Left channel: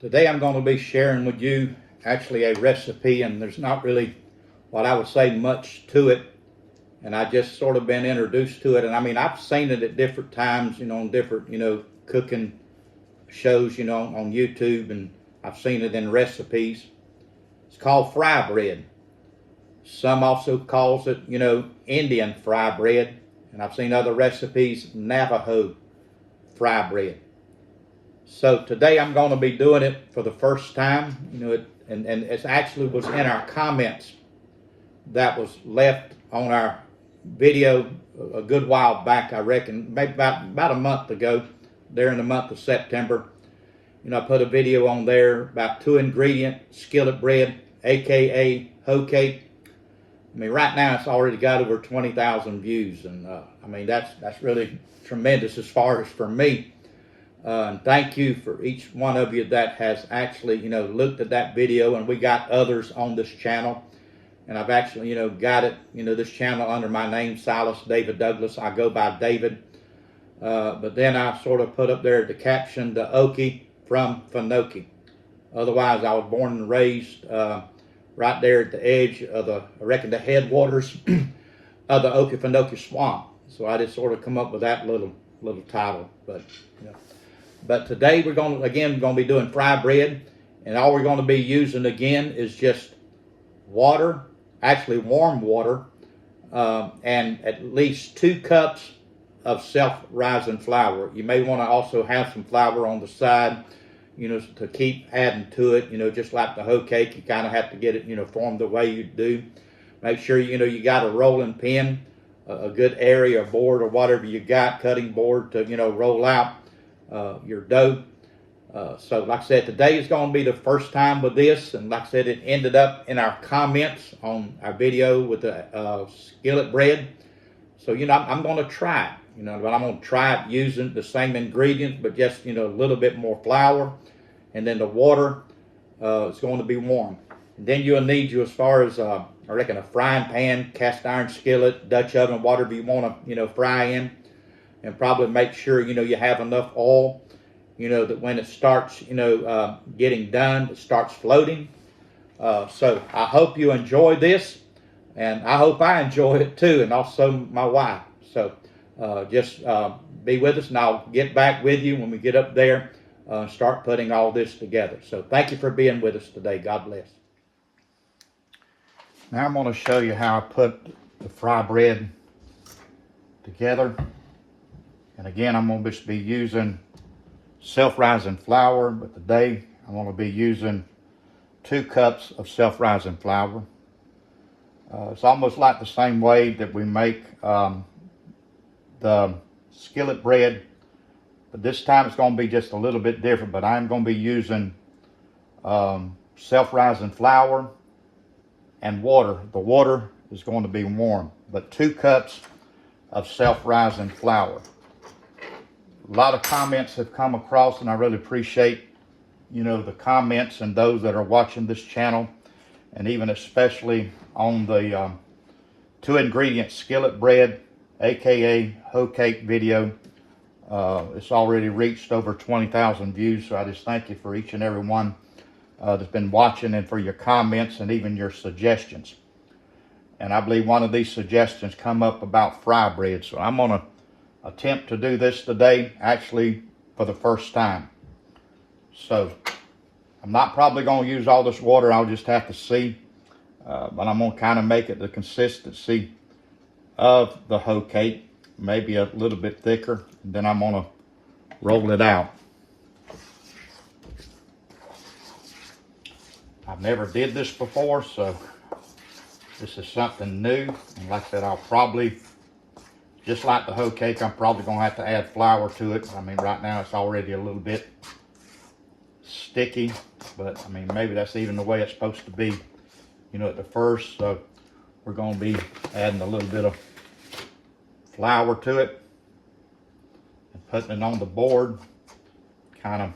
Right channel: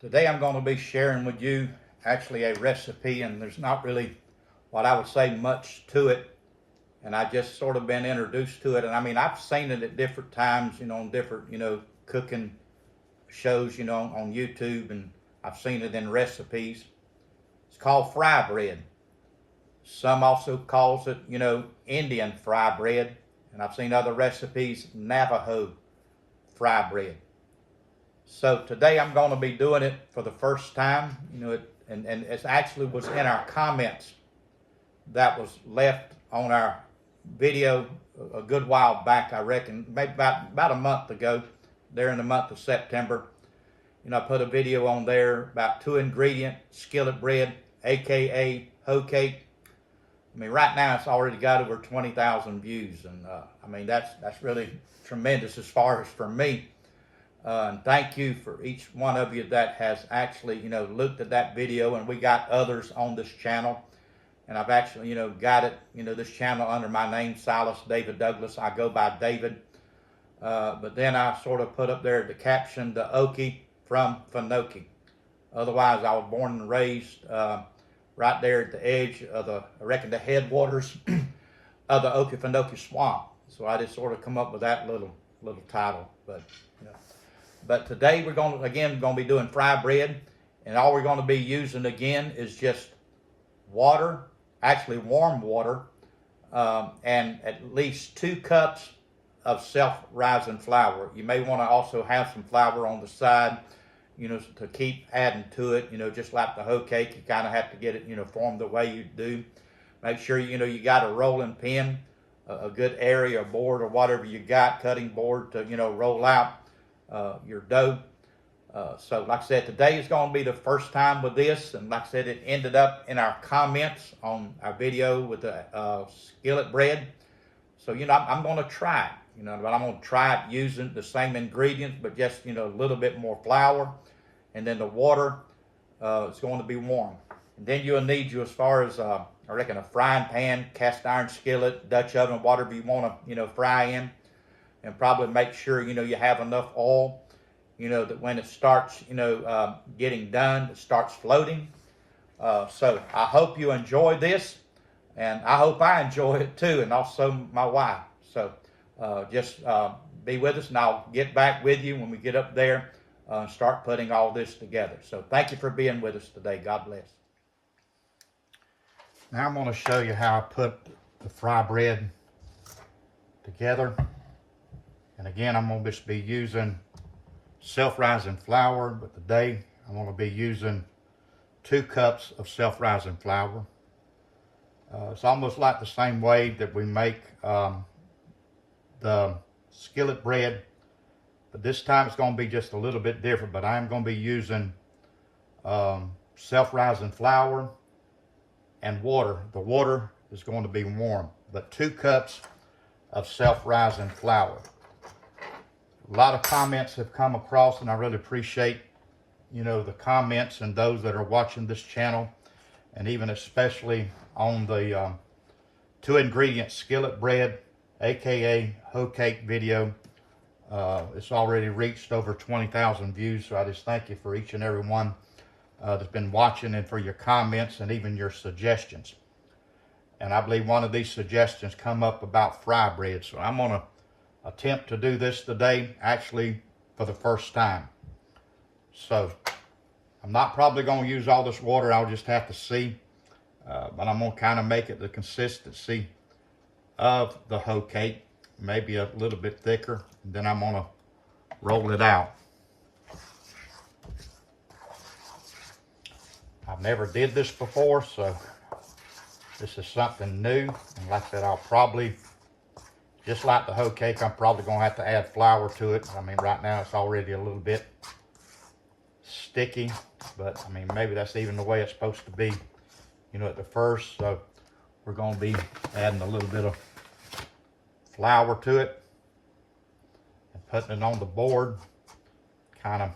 Today I'm going to be sharing with you actually a recipe, and there's not really what I would say much to it, and I just sort of been introduced to it. And I mean, I've seen it at different times, on different, cooking shows, on YouTube, and I've seen it in recipes. It's called fry bread. Some also calls it, Indian fry bread, and I've seen other recipes, Navajo fry bread. So today I'm going to be doing it for the first time, and it actually was in our comments that was left on our video a good while back, I reckon, maybe about a month ago, during the month of September. I put a video on there about 2-ingredient skillet bread, aka hoe cake. I mean, right now it's already got over 20,000 views, and I mean that's really tremendous as far as for me. And thank you for each one of you that has actually, looked at that video. And we got others on this channel. And I've actually, got it, this channel under my name, Silas David Douglas. I go by David. But then I sort of put up there the caption, the Okie from Finoki. Otherwise, I was born and raised right there at the edge of I reckon, the headwaters of the Okefenokee Swamp. So I just sort of come up with that little title. But today we're going to be doing fry bread, and all we're going to be using again is just water, actually warm water, and at least 2 cups of self-rising flour. You may want to also have some flour on the side, to keep adding to it, just like the hoe cake. You kind of have to get it, formed the way you do. Make sure, you got a rolling pin, a good area, board, or whatever you got, cutting board to, roll out your dough. So like I said, today is going to be the first time with this, and like I said, it ended up in our comments on our video with the skillet bread. So I'm going to try it, but I'm going to try it using the same ingredients, but just a little bit more flour, and then the water is going to be warm. And then you'll need as far as I reckon, a frying pan, cast iron skillet, Dutch oven, whatever you want to fry in. And probably make sure, you have enough oil, that when it starts, getting done, it starts floating. So I hope you enjoy this, and I hope I enjoy it too, and also my wife. So just be with us, and I'll get back with you when we get up there and start putting all this together. So thank you for being with us today. God bless. Now I'm going to show you how I put the fry bread together. And again, I'm going to be using self-rising flour, but today I'm going to be using 2 cups of self-rising flour. It's almost like the same way that we make the skillet bread, but this time it's going to be just a little bit different. But I'm going to be using self-rising flour and water. The water is going to be warm, but 2 cups of self-rising flour. A lot of comments have come across, and I really appreciate, the comments and those that are watching this channel, and even especially on the 2-ingredient skillet bread, aka hoe cake video. It's already reached over 20,000 views, so I just thank you for each and every one that's been watching, and for your comments and even your suggestions. And I believe one of these suggestions come up about fry bread, so I'm going to attempt to do this today, actually for the first time. So I'm not probably going to use all this water. I'll just have to see, but I'm going to kind of make it the consistency of the hoe cake, maybe a little bit thicker, and then I'm going to roll it out. I've never did this before, so this is something new. And like I said, I'll probably, just like the hoe cake, I'm probably going to have to add flour to it. I mean, right now it's already a little bit sticky, but I mean, maybe that's even the way it's supposed to be, at the first. So we're going to be adding a little bit of flour to it and putting it on the board, kind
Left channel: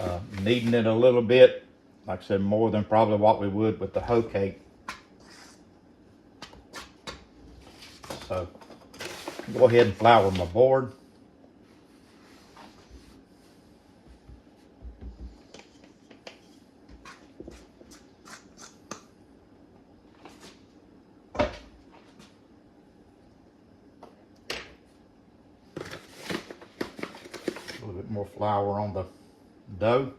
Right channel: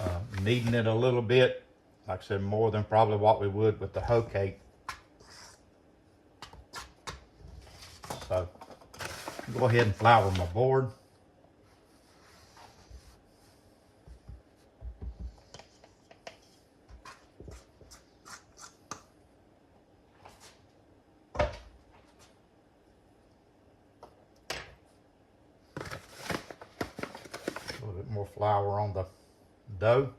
of kneading it a little bit. Like I said, more than probably what we would with the hoe cake. So go ahead and flour my board. little flour on the dough.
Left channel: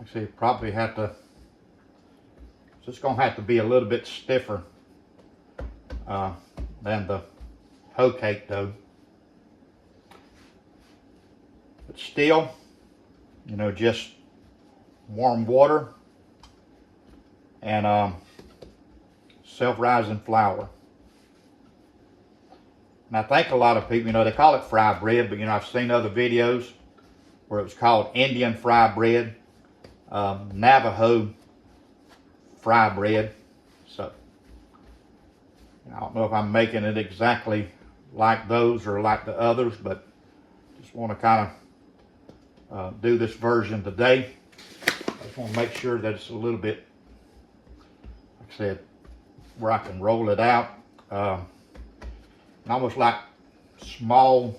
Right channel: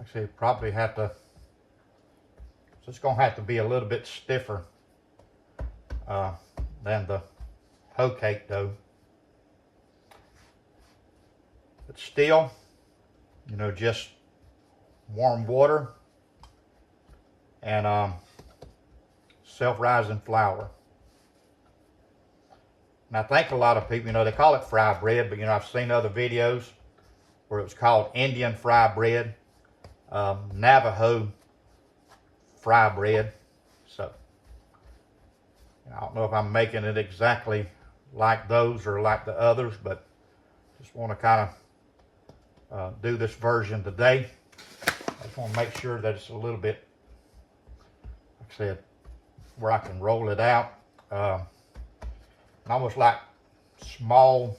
Actually, probably have to, it's just gonna have to be a little bit stiffer than the hoe cake dough. But still, you know, just warm water and self-rising flour. And I think a lot of people, you know, they call it fry bread, but you know, I've seen other videos where it was called Indian fry bread, Navajo fry bread. So I don't know if I'm making it exactly like those or like the others, but just want to kind of do this version today. I just want to make sure that it's a little bit, like I said, where I can roll it out. Almost like small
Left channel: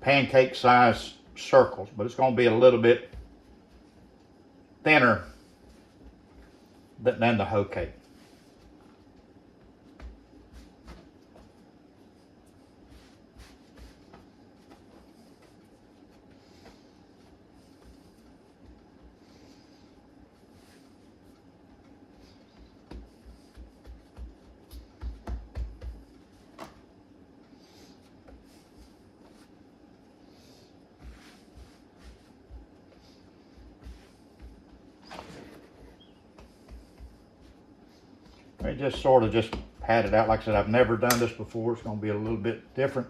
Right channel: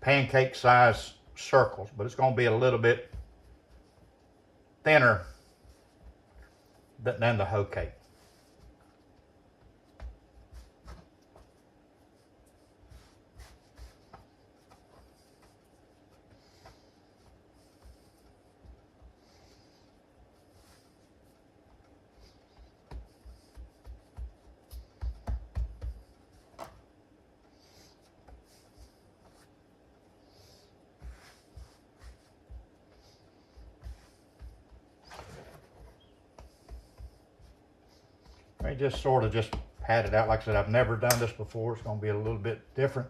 pancake size circles, but it's going to be a little bit thinner than the hoe cake. I just sort of just pat it out. Like I said, I've never done this before. It's going to be a little bit different.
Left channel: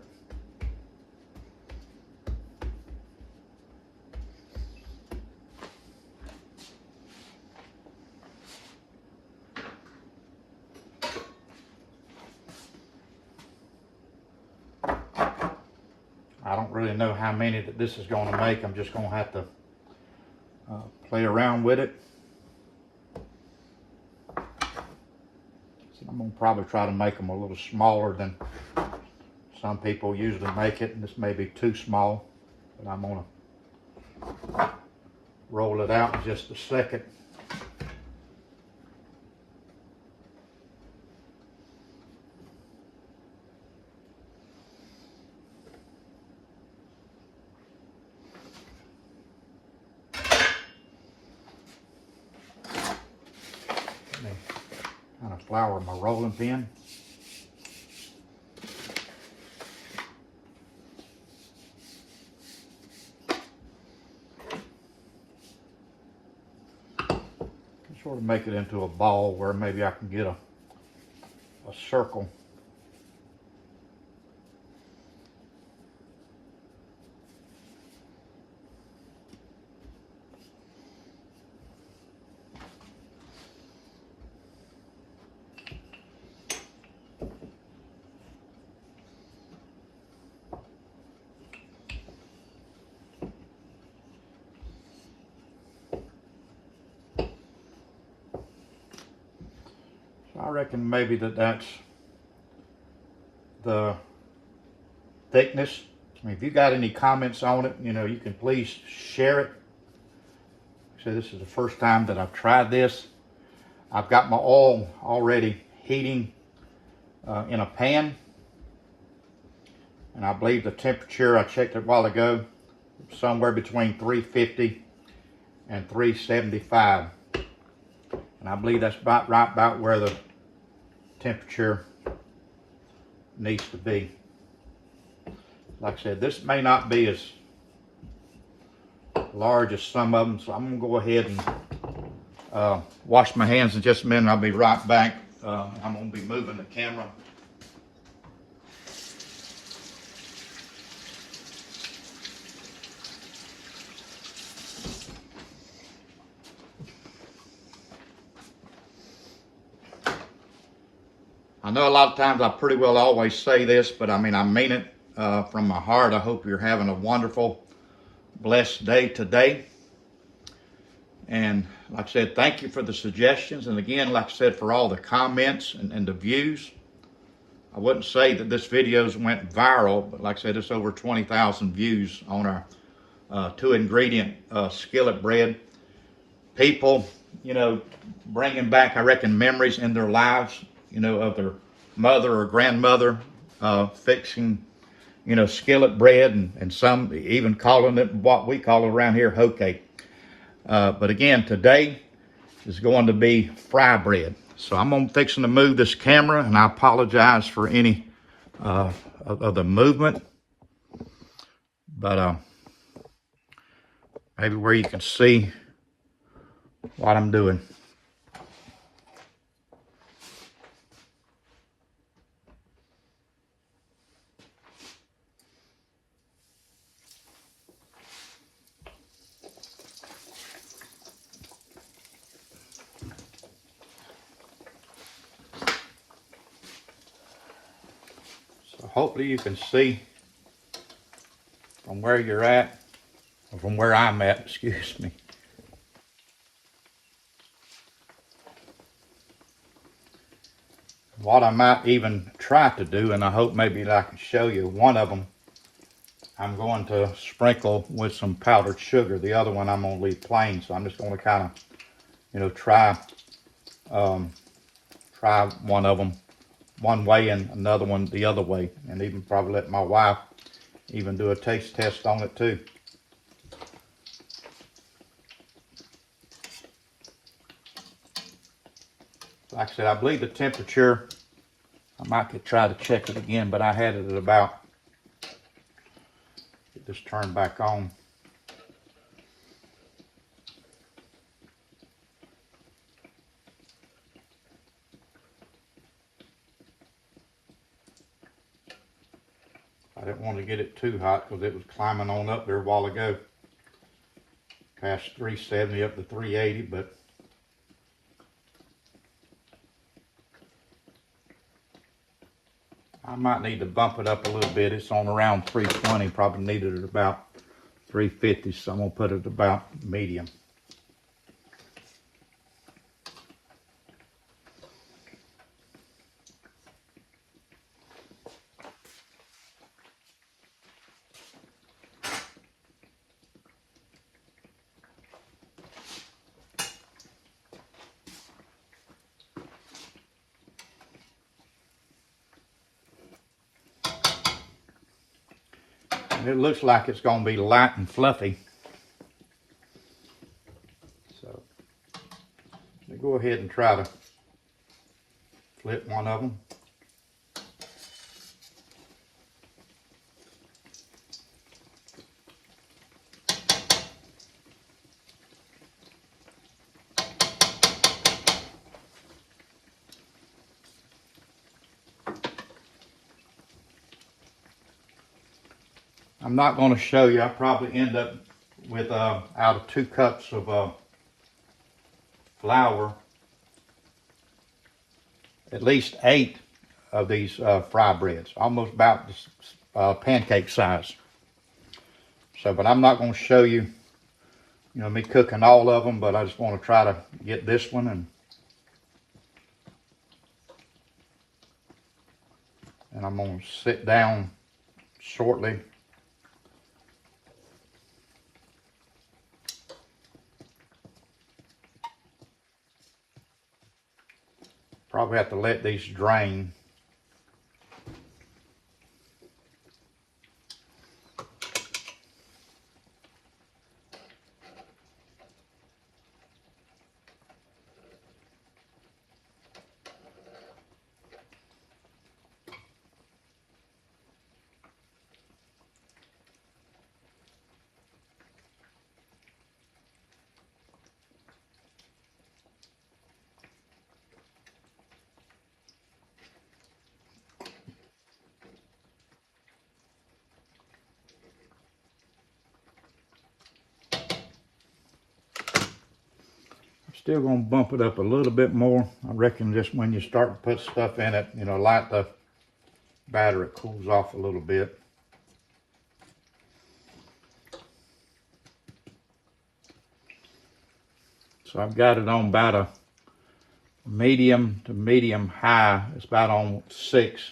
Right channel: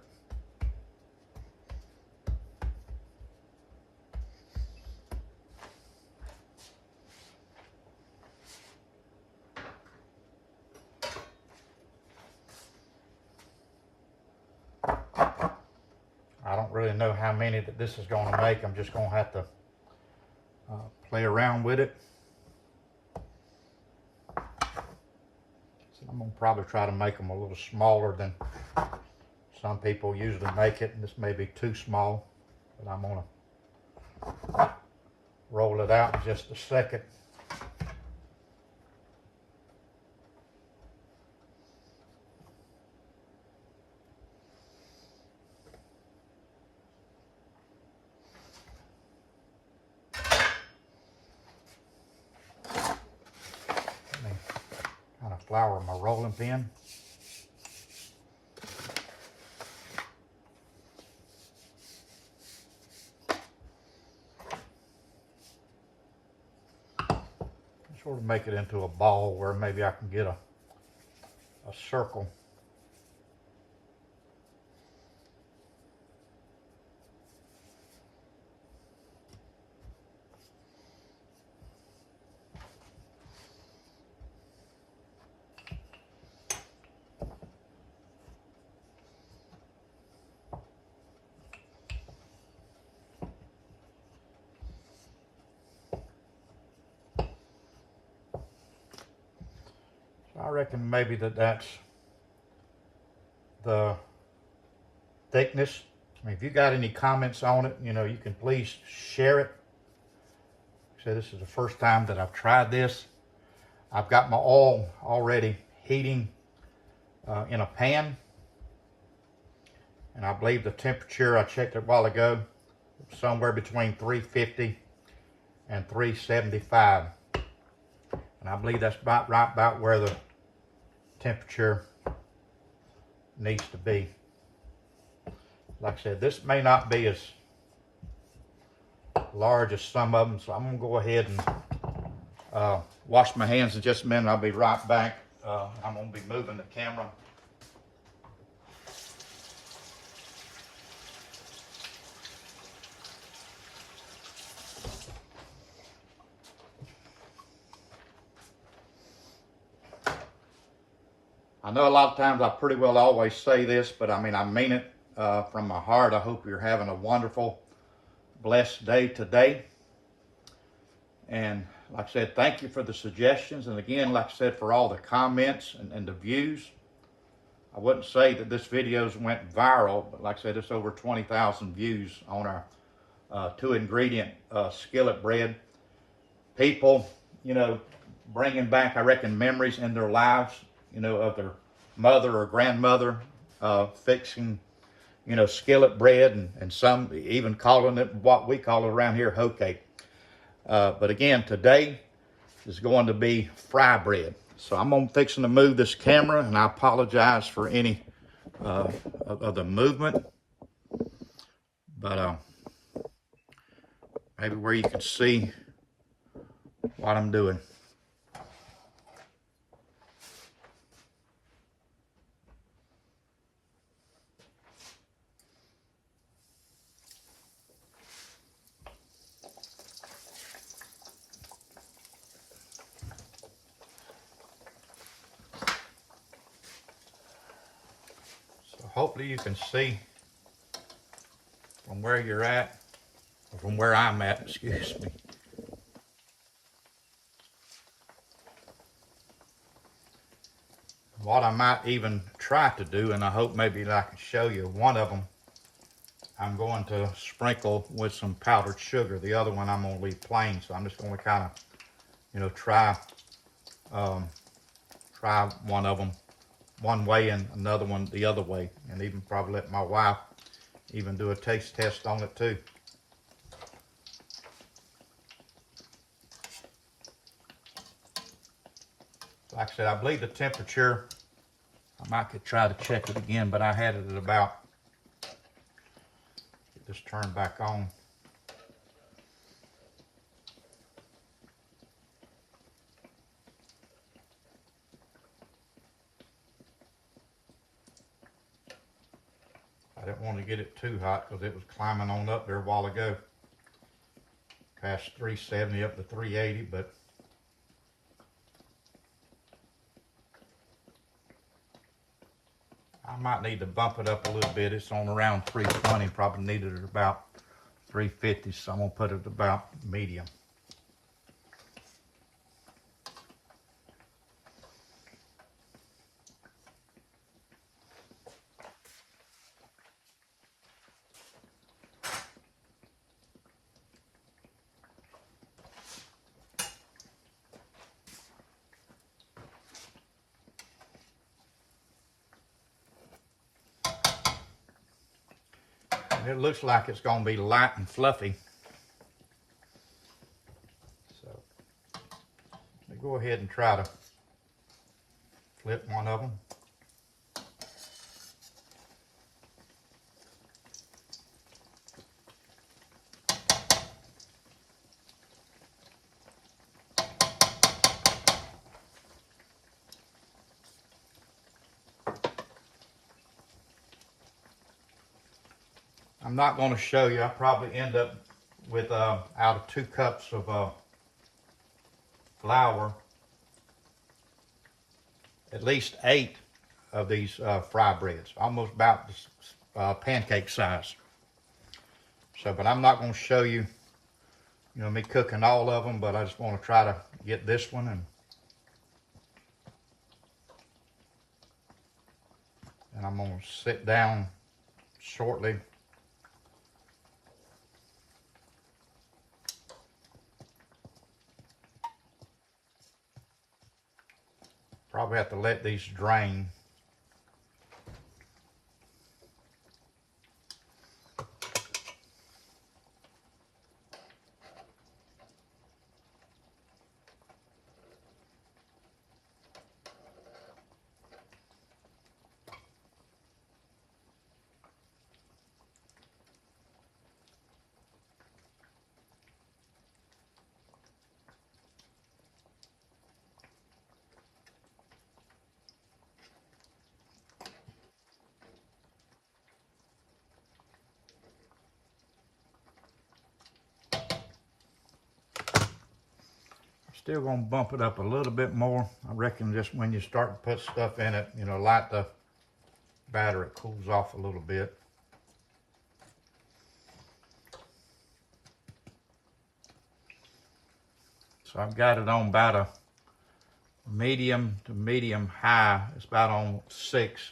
I don't really know how many that this is going to make. I'm just going to have to play around with it. I'm going to probably try to make them a little smaller than some people usually make it, and this may be too small, but I'm going to roll it out in just a second. Let me kind of flour my rolling pin. Sort of make it into a ball where maybe I can get a circle. I reckon maybe that's the thickness. I mean, if you got any comments on it, you know, you can please share it. So this is the first time that I've tried this. I've got my oil already heating in a pan. And I believe the temperature, I checked it a while ago, somewhere between 350 and 375. And I believe that's right about where the temperature needs to be. Like I said, this may not be as large as some of them, so I'm gonna go ahead and wash my hands in just a minute. I'll be right back. I'm gonna be moving the camera. I know a lot of times I pretty well always say this, but I mean, I mean it from my heart. I hope you're having a wonderful, blessed day today. And like I said, thank you for the suggestions. And again, like I said, for all the comments and the views. I wouldn't say that this video's went viral, but like I said, it's over 20,000 views on our 2-ingredient skillet bread. people, you know, bringing back, I reckon, memories in their lives, you know, of their mother or grandmother fixing, you know, skillet bread, and some even calling it what we call around here hoe cake. But again, today is going to be fry bread. So I'm gonna fixing to move this camera, and I apologize for any of the movement, but maybe where you can see what I'm doing. So hopefully you can see from where you're at, or from where I'm at, excuse me. What I might even try to do, and I hope maybe that I can show you one of them, I'm going to sprinkle with some powdered sugar. The other one I'm going to leave plain, so I'm just going to kind of, you know, try one of them one way and another one the other way, and even probably let my wife even do a taste test on it too. Like I said, I believe the temperature, I might try to check it again, but I had it at about, just turn back on. I didn't want to get it too hot because it was climbing on up there a while ago. Past 370 up to 380, but I might need to bump it up a little bit. It's on around 320, probably needed it about 350, so I'm gonna put it about medium. It looks like it's going to be light and fluffy. So I'll go ahead and try to flip one of them. I'm not going to show you. I'll probably end up with out of 2 cups of flour, at least 8 of these fry breads, almost about pancake size. So, but I'm not going to show you, you know, me cooking all of them, but I just want to try to get this one, and I'm going to sit down shortly. Probably have to let these drain. Still gonna bump it up a little bit more. I reckon just when you start to put stuff in it, you know, light the batter, it cools off a little bit. So I've got it on about a medium to medium high. It's about on 6.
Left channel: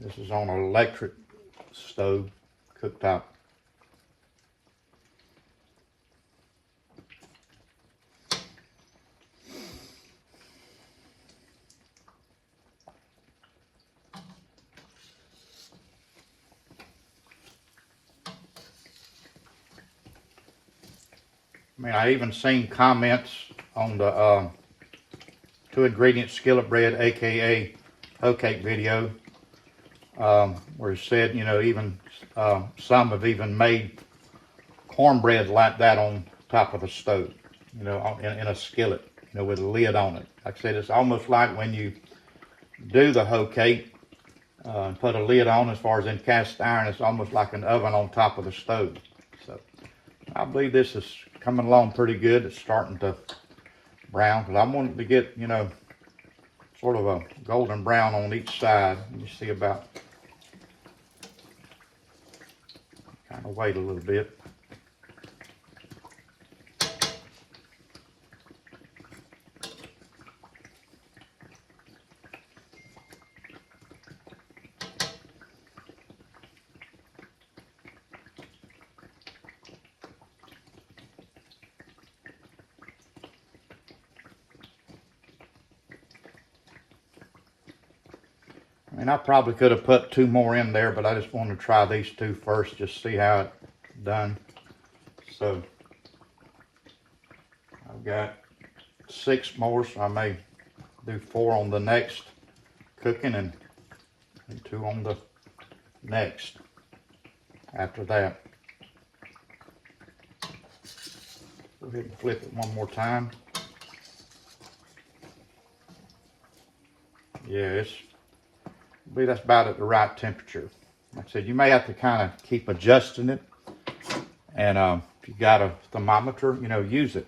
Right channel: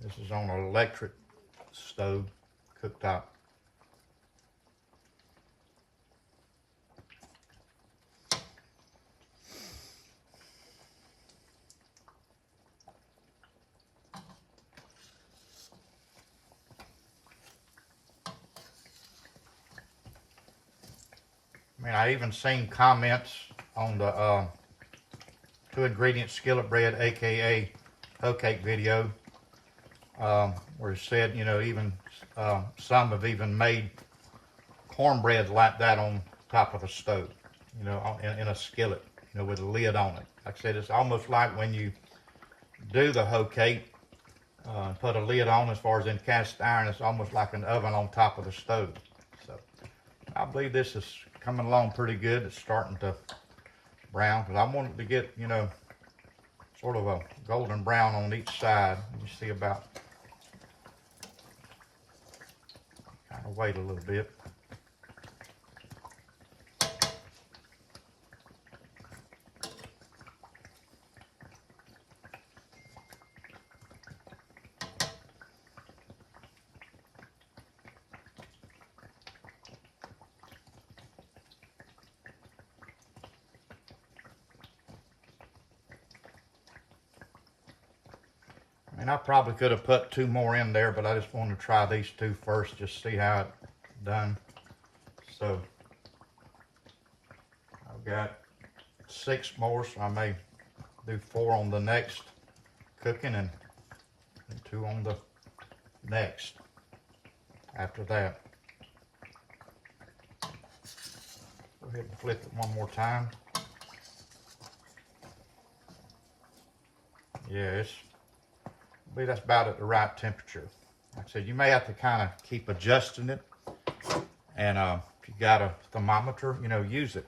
This is on an electric stove, cooktop. I mean, I even seen comments on the 2-ingredient skillet bread, aka hoe cake video, where it said, you know, even some have even made cornbread like that on top of a stove, you know, in a skillet, you know, with a lid on it. Like I said, it's almost like when you do the hoe cake and put a lid on, as far as in cast iron, it's almost like an oven on top of the stove. So I believe this is coming along pretty good. It's starting to brown, because I want it to get, you know, sort of a golden brown on each side. You see about, kind of wait a little bit. And I probably could have put 2 more in there, but I just wanted to try these 2 first, just see how it's done. So I've got 6 more, so I may do 4 on the next cooking and 2 on the next after that. Go ahead and flip it one more time. Yeah, I believe that's about at the right temperature. Like I said, you may have to kind of keep adjusting it. And if you got a thermometer, you know, use it.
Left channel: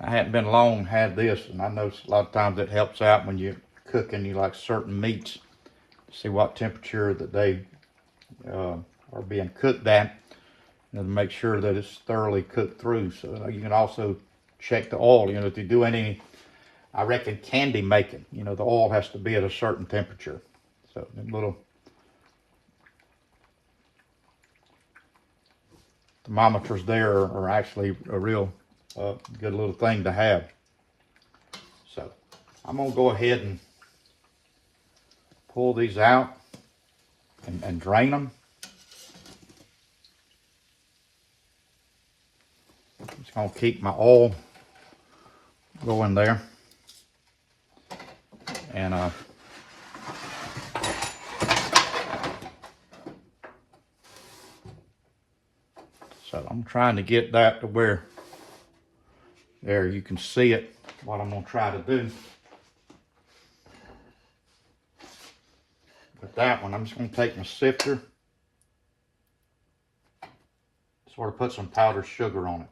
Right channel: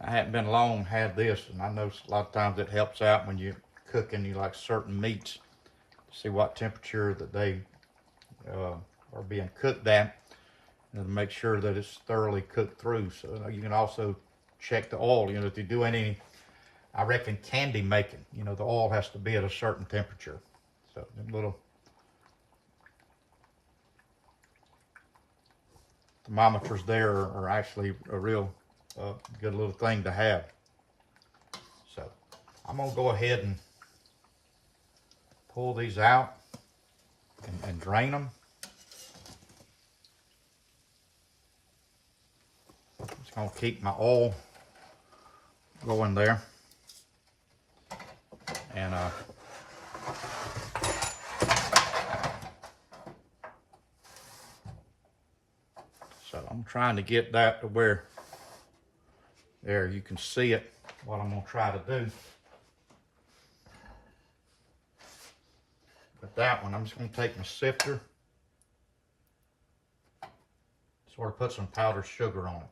I hadn't been long had this, and I know a lot of times it helps out when you're cooking, you like certain meats, see what temperature that they are being cooked at, you know, to make sure that it's thoroughly cooked through. So you can also check the oil. You know, if you do any, I reckon, candy making, you know, the oil has to be at a certain temperature. So the little thermometers there are actually a real good little thing to have. So I'm gonna go ahead and pull these out and drain them. Just gonna keep my oil going there. And so I'm trying to get that to where there you can see it, what I'm gonna try to do. With that one, I'm just gonna take my sifter, sort of put some powdered sugar on it.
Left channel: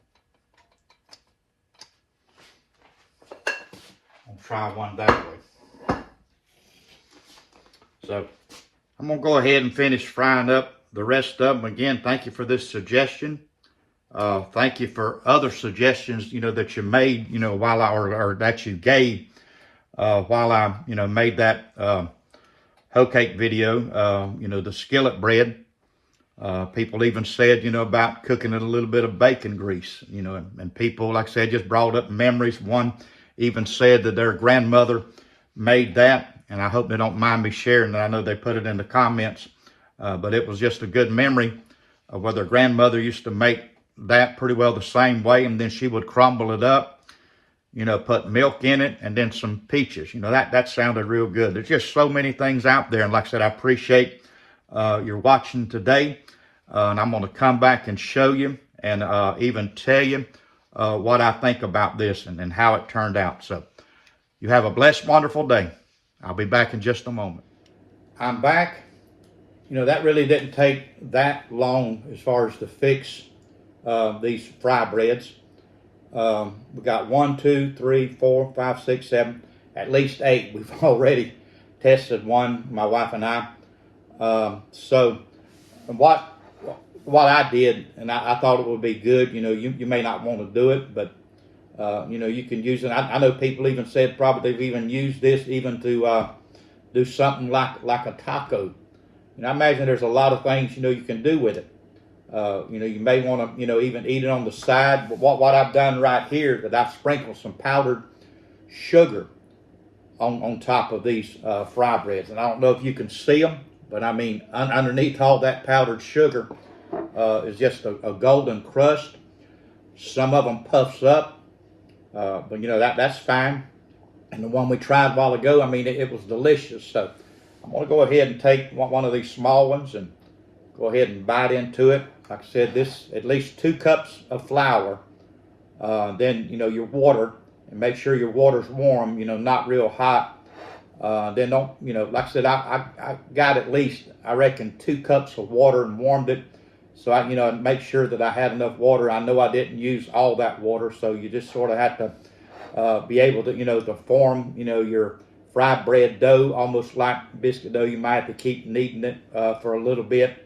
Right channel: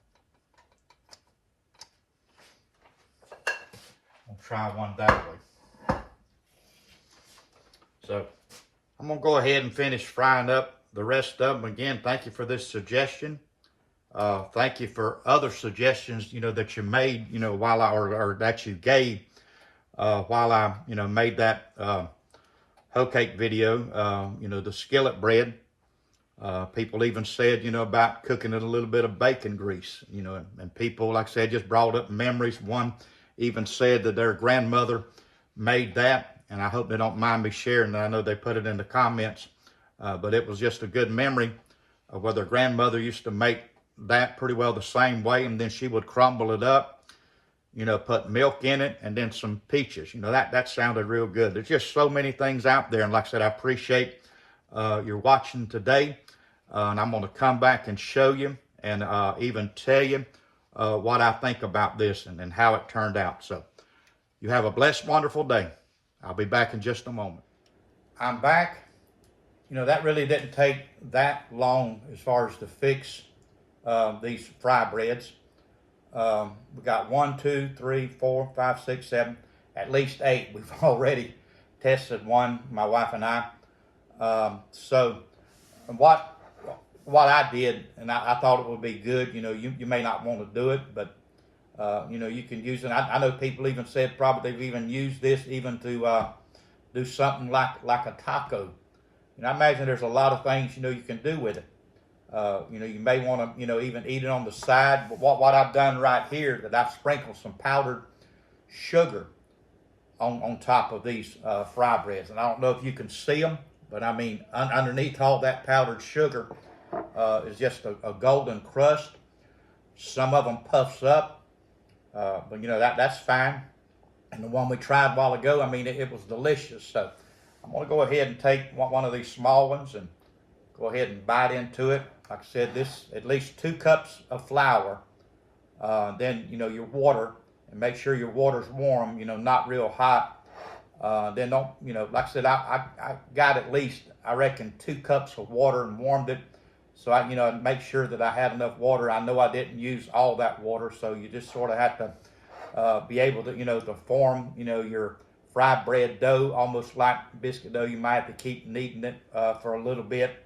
I'll try one that way. So I'm gonna go ahead and finish frying up the rest of them. Again, thank you for this suggestion. Thank you for other suggestions, you know, that you made, you know, while or that you gave while I, you know, made that hoe cake video. You know, the skillet bread. People even said, you know, about cooking in a little bit of bacon grease, you know, and people, like I said, just brought up memories. One even said that their grandmother made that, and I hope they don't mind me sharing that. I know they put it in the comments, but it was just a good memory of where their grandmother used to make that pretty well the same way, and then she would crumble it up, you know, put milk in it, and then some peaches. You know, that sounded real good. There's just so many things out there, and like I said, I appreciate your watching today, and I'm going to come back and show you and even tell you what I think about this and how it turned out. So you have a blessed, wonderful day. I'll be back in just a moment. I'm back. You know, that really didn't take that long as far as to fix these fry breads. We got 1, 2, 3, 4, 5, 6, 7, at least 8. We've already tested one, my wife and I. So what I did, and I thought it would be good. You know, you may not want to do it, but you know, you can use it. I know people even said probably they've even used this even to do something like a taco. And I imagine there's a lot of things, you know, you can do with it. You know, you may want to, you know, even eat it on the side. But what I've done right here, that I've sprinkled some powdered sugar on top of these fry breads. And I don't know if you can see them, but I mean, underneath all that powdered sugar is just a golden crust. Some of them puffs up, but you know, that's fine. And the one we tried a while ago, I mean, it was delicious. So I'm going to go ahead and take one of these small ones and go ahead and bite into it. Like I said, this at least 2 cups of flour. Then, you know, your water, and make sure your water's warm, you know, not real hot. Then don't, you know, like I said, I got at least, I reckon, 2 cups of water and warmed it. So I, you know, make sure that I had enough water. I know I didn't use all that water, so you just sort of have to be able to, you know, to form, you know, your fried bread dough, almost like biscuit dough. You might have to keep kneading it for a little bit.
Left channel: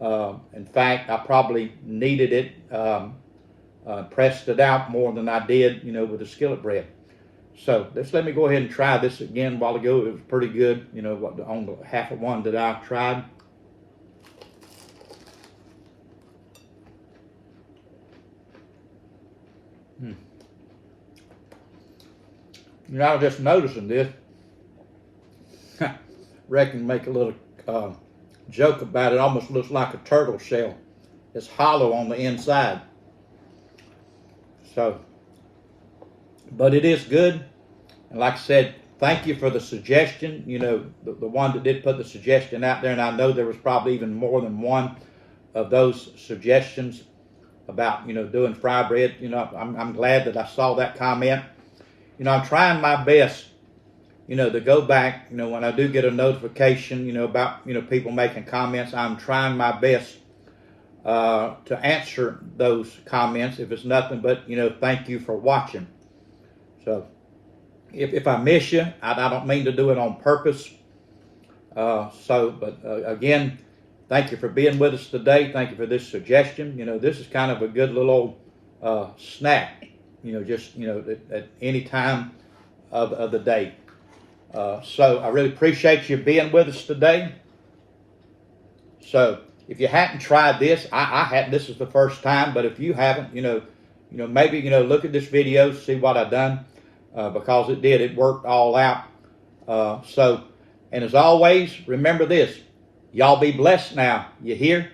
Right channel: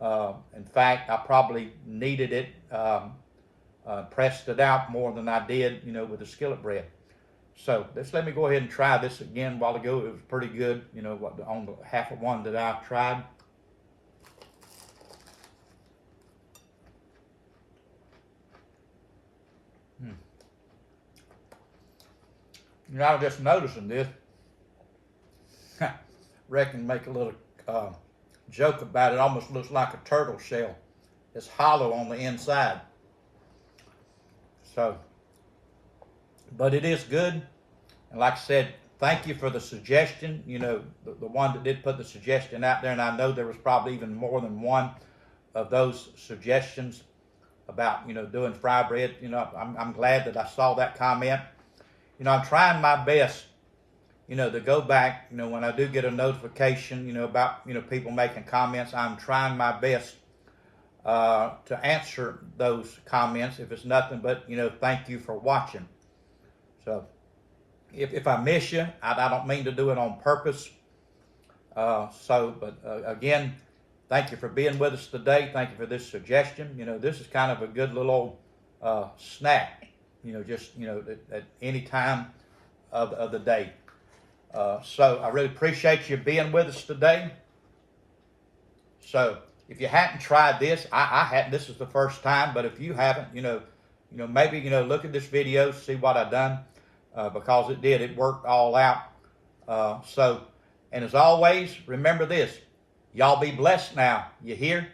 In fact, I probably kneaded it, pressed it out more than I did, you know, with the skillet bread. So just let me go ahead and try this again. A while ago, it was pretty good, you know, on the half of one that I tried. You know, I was just noticing this. Reckon make a little joke about it. Almost looks like a turtle shell. It's hollow on the inside. So, but it is good. And like I said, thank you for the suggestion. You know, the one that did put the suggestion out there, and I know there was probably even more than one of those suggestions about, you know, doing fry bread. You know, I'm glad that I saw that comment. You know, I'm trying my best, you know, to go back, you know, when I do get a notification, you know, about, you know, people making comments, I'm trying my best to answer those comments. If it's nothing but, you know, thank you for watching. So if I miss you, I don't mean to do it on purpose. But again, thank you for being with us today. Thank you for this suggestion. You know, this is kind of a good little snack, you know, just, you know, at any time of the day. So I really appreciate you being with us today. So if you hadn't tried this, I hadn't. This is the first time. But if you haven't, you know, maybe, you know, look at this video, see what I done, because it worked all out. And as always, remember this: y'all be blessed now. You hear?